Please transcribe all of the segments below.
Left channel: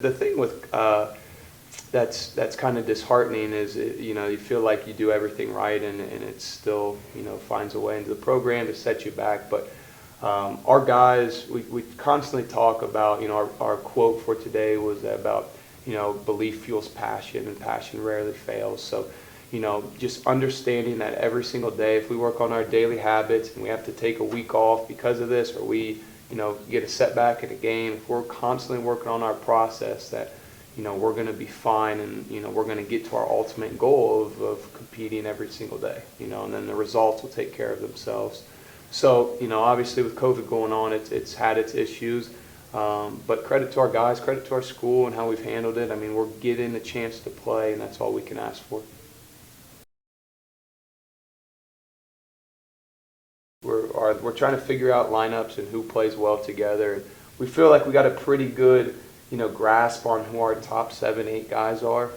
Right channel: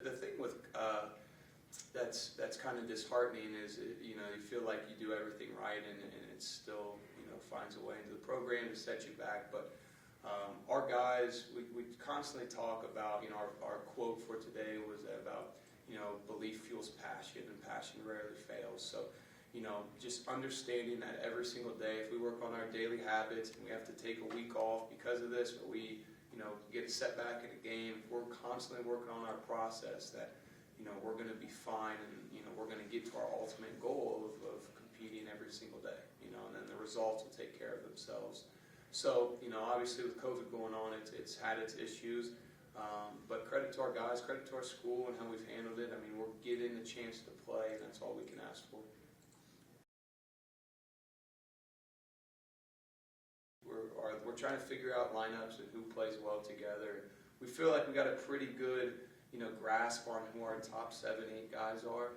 The thing with that's kind of disheartening is you feel like you do everything right and it still finds a way into the program to set you back. But our guys, we constantly talk about our quote for today was about belief fuels passion and passion rarely fails. So just understanding that every single day, if we work on our daily habits and we have to take a week off because of this, or we get a setback in a game, if we're constantly working on our process, that we're going to be fine, and we're going to get to our ultimate goal of competing every single day, and then the results will take care of themselves. So obviously with COVID going on, it's had its issues, but credit to our guys, credit to our school and how we've handled it. I mean, we're getting a chance to play, and that's all we can ask for. We're trying to figure out lineups and who plays well together. We feel like we got a pretty good grasp on who our top 7, 8 guys are.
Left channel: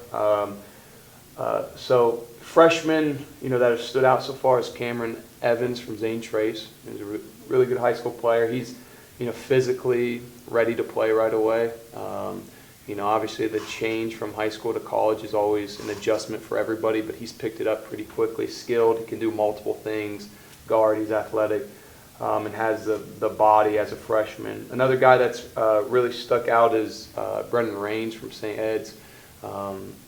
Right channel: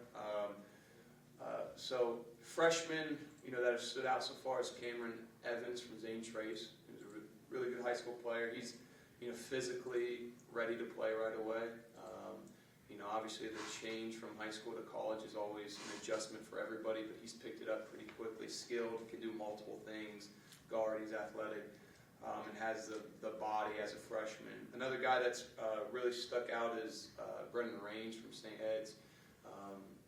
So freshmen that have stood out so far is Cameron Evans from Zane Trace. He's a really good high school player. He's physically ready to play right away. Obviously the change from high school to college is always an adjustment for everybody, but he's picked it up pretty quickly. Skilled, he can do multiple things. Guard, he's athletic, and has the body as a freshman. Another guy that's really stuck out is Brendan Raines from St. Ed's.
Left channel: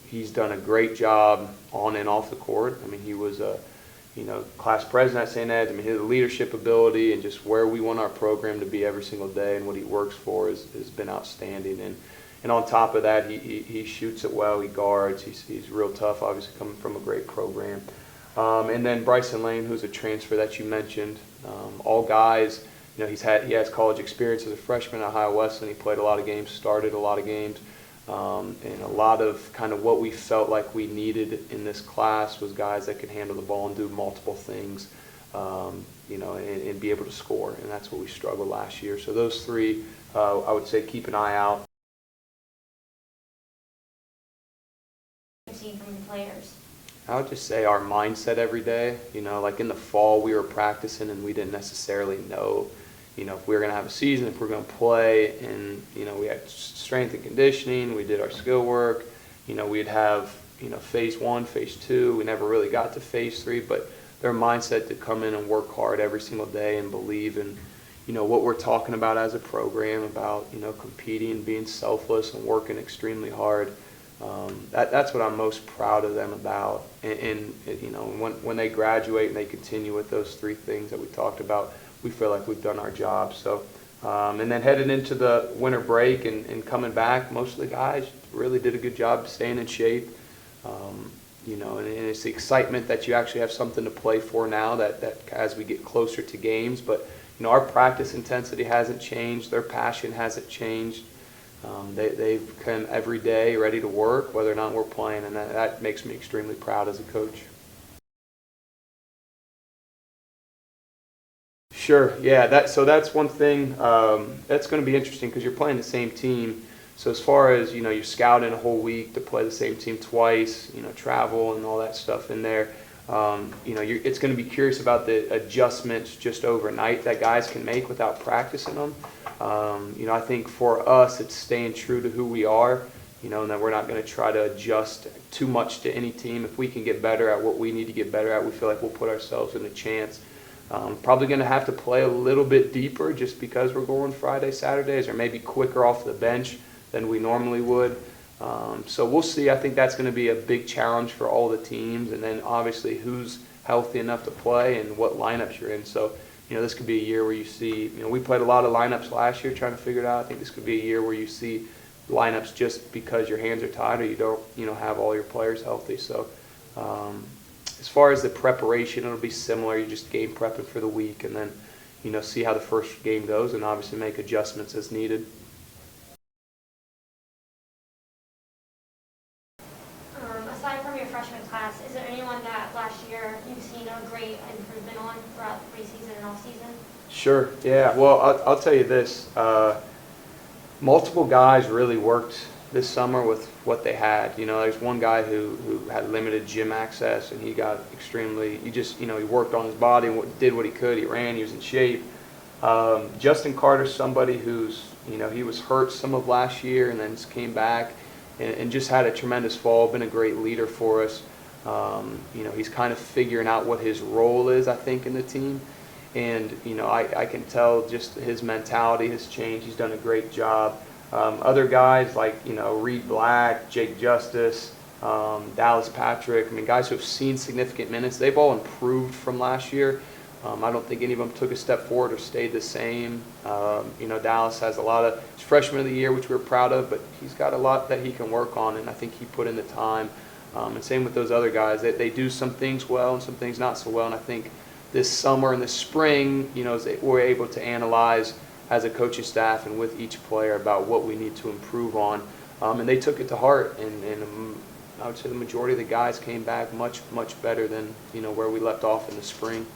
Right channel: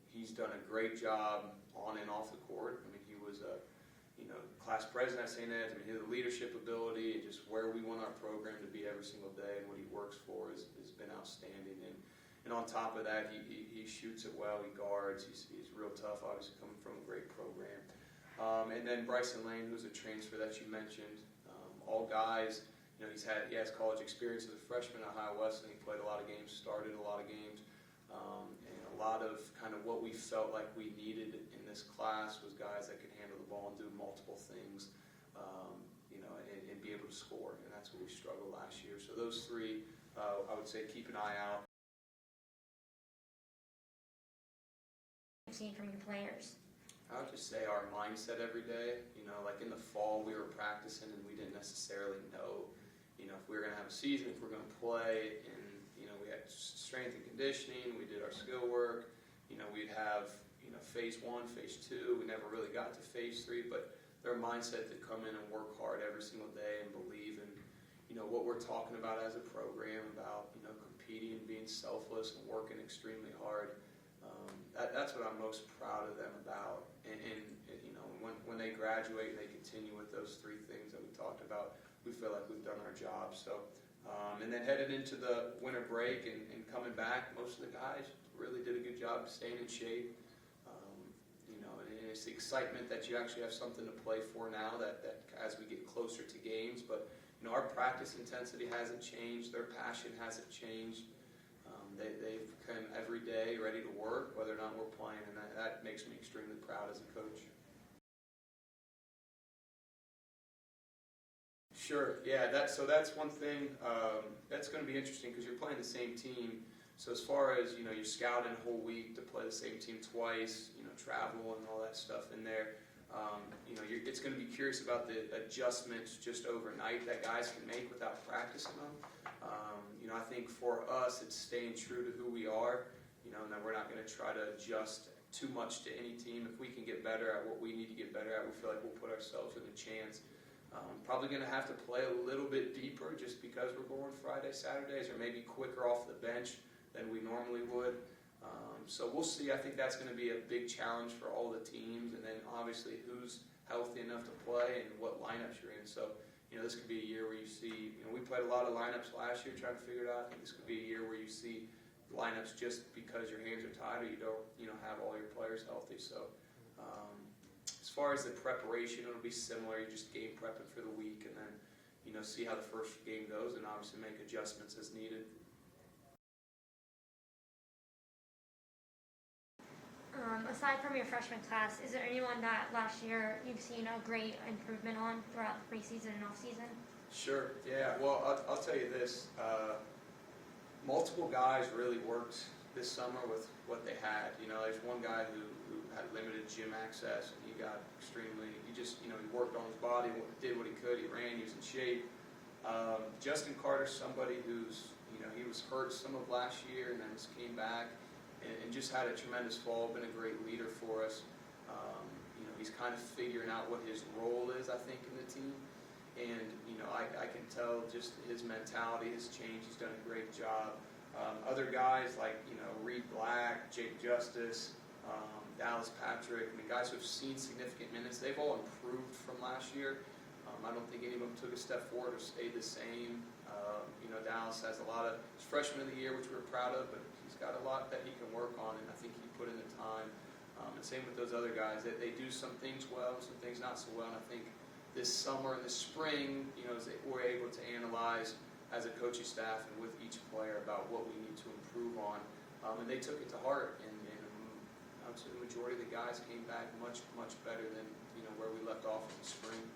He's done a great job on and off the court. I mean, he was a class president at St. Ed's. I mean, his leadership ability and just where we want our program to be every single day and what he works for has been outstanding. And on top of that, he shoots it well. He guards. He's real tough, obviously coming from a great program. And then Bryson Lane, who's a transfer that you mentioned. All guys, he has college experience as a freshman at Ohio Wesleyan. He played a lot of games, started a lot of games, and a lot of kind of what we felt like we needed in this class was guys that could handle the ball and do multiple things, and be able to score. And that's what we struggled last year. So those three, I would say, keep an eye out. Seen from the players. I would just say our mindset every day. Like in the fall, we were practicing and we didn't necessarily know, if we were going to have a season, if we were going to play. And, we had strength and conditioning. We did our skill work. We'd have, phase 1, phase 2. We never really got to phase 3, but their mindset to come in and work hard every single day and believe in, what we're talking about as a program, about, competing, being selfless and working extremely hard. That's what I'm most proud of them about. And when they graduate and they continue with those 3 things that we talked about, we feel like we've done our job. So, and then headed into the winter break and coming back, most of the guys really did a good job staying in shape. And it's the excitement that you actually have something to play for now that as we get closer to games. But, our practice intensity hasn't changed. Their passion hasn't changed. They've come every day ready to work, whether or not we're playing, and that makes me extremely proud as a coach. Sure, yeah. That's one thing that's going to be interesting because you're playing the same team. So as far as you're scouting a whole week to play the same team twice, travel and all that stuff in there. It's going to be curious about the adjustments just overnight that guys can make without practicing them. I think for us, it's staying true to who we are, and that we're not going to try to adjust too much to any team. If we can get better at what we need to get better at, we feel like we'll put ourselves in a chance. Probably going to have to play a little bit deeper just because we're going Friday, Saturdays, or maybe quicker off the bench than we normally would. So we'll see. I think that's going to be a big challenge for all the teams, and then obviously who's healthy enough to play and what lineups you're in. So this could be a year where you see, we played a lot of lineups last year trying to figure it out. I think this could be a year where you see lineups just because your hands are tied or you don't, have all your players healthy. So as far as the preparation, it'll be similar. You just game prepping for the week and then, see how the first game goes and obviously make adjustments as needed. Aside from your freshman class, is there anyone that last year you've seen a great improvement on throughout preseason and off season? Sure. Yeah. Well, I'll tell you this. Multiple guys really worked this summer with what they had. There's one guy who had limited gym access, and he got extremely. He worked on his body, did what he could. He ran. He was in shape. Justin Carter's somebody who's, he was hurt some of last year and then just came back and just had a tremendous fall, been a great leader for us. He's kind of figuring out what his role is, I think, in the team. And, I can tell just his mentality has changed. He's done a great job. Other guys like, Reed Black, Jake Justice, Dallas Patrick, guys who have seen significant minutes, they've all improved from last year. I don't think any of them took a step forward or stayed the same. Dallas has a lot of, he's freshman of the year, which we're proud of, but he's got a lot that he can work on, and I think he put in the time. And same with those other guys. They do some things well and some things not so well, and I think this summer and this spring, we're able to analyze as a coaching staff and with each player about what we need to improve on. And they took it to heart, and I would say the majority of the guys came back much, much better than, where we left off in the spring.